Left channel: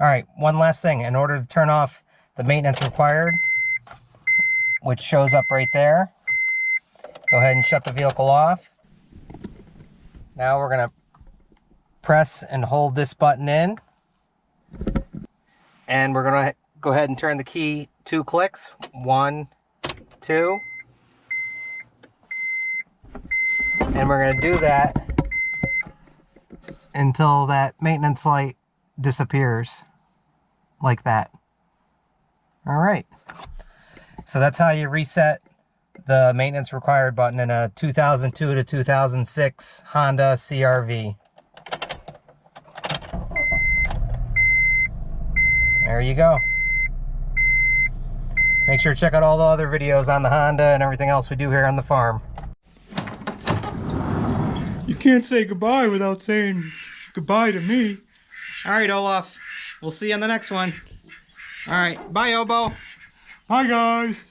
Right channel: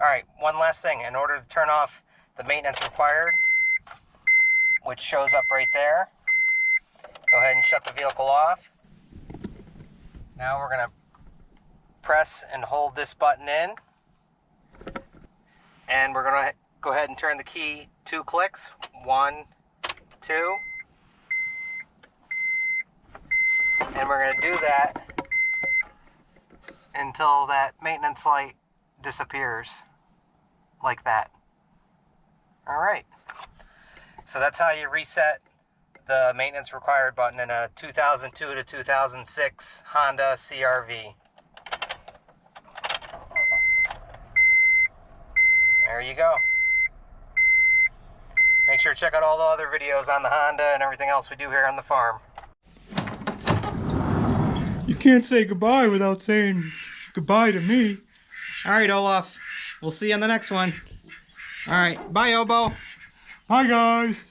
All right, one last thing. In order to turn off the maintenance required, which shows up right there, go ahead and shut the vehicle off. Now we're gonna press and hold this button in, and we're gonna go ahead and turn the key 2 clicks. 1, 2. And we're gonna do that until that maintenance light disappears, like that. All right. So that's how you reset the maintenance required button in a 2002 to 2006 Honda CRV. There you go. Make sure to check out all the other videos on the Honda and everything else we do here on the farm. You can't say goodbye without saying goodbye to me. All right, Olaf. We'll see you on the next one. All right. Bye, Obo. Bye, guys.